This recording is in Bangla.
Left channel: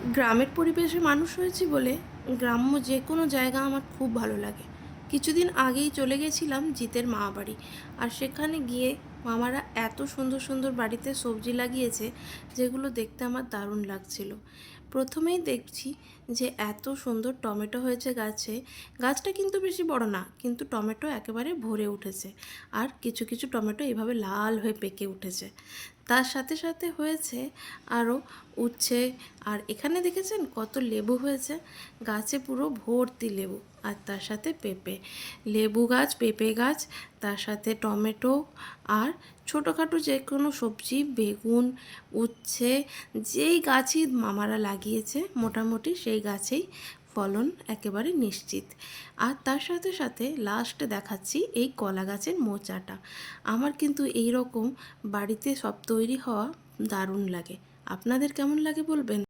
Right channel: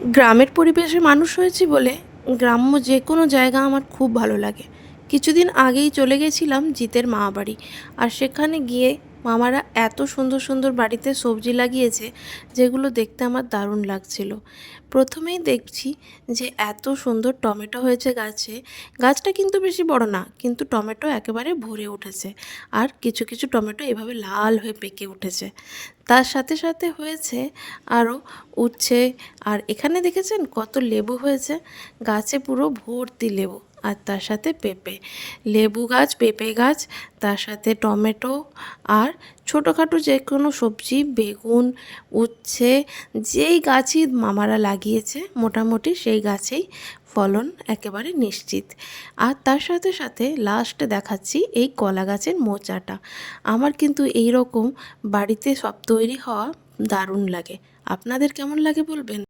গ্রামের পরিবেশে মানুষ হয়েছি বলে গ্রাম্য যে কোনো জায়গা আমার খুব ভালো লাগে। কিছুদিন আগেই চলে গেছিলাম জিতের মামাবাড়ি। আর সেখানে গিয়ে মামারা এত সুন্দর সুন্দর বাড়িতে সবজি লাগিয়েছে, যেগুলো দেখতে আমার দারুণ লাগছিল। প্রথমেই দেখছি যে এত সুন্দর টমেটো হয়েছে গাছে। গাছটা কিন্তু বেশি বড় না, কিন্তু টমেটো একেবারে ভরে উঠেছে। আর কিছু কিছু টমেটো এভাবে লাল হয়ে পেকে উঠেছে। তার সাথে সাথে হয়েছে আরও উচ্ছে। আর এখানে দেখেছেন কত লেবু হয়েছে, গাছে পুরো ভর্তি লেবু। আর তার সাথে পেঁপে, লেবু গাছ, পেঁপে গাছ, তার সাথে টমেটো। আর ছোটোখাটো যে কোনো সবজি, বেগুন, উচ্ছে, যেই গাছই মামারা লাগিয়েছে মোটামুটি সেই গাছেই ফলন একেবারে নিশ্চিত। আর তার সাথে সাথে লাস্টে দেখাচ্ছি এই কলা গাছের মোচাটা। আমার কিন্তু এই রকম বাড়িতে সব তৈরি হওয়া দারুণ লাগে। আপনাদের কেমন লাগে বলবেন।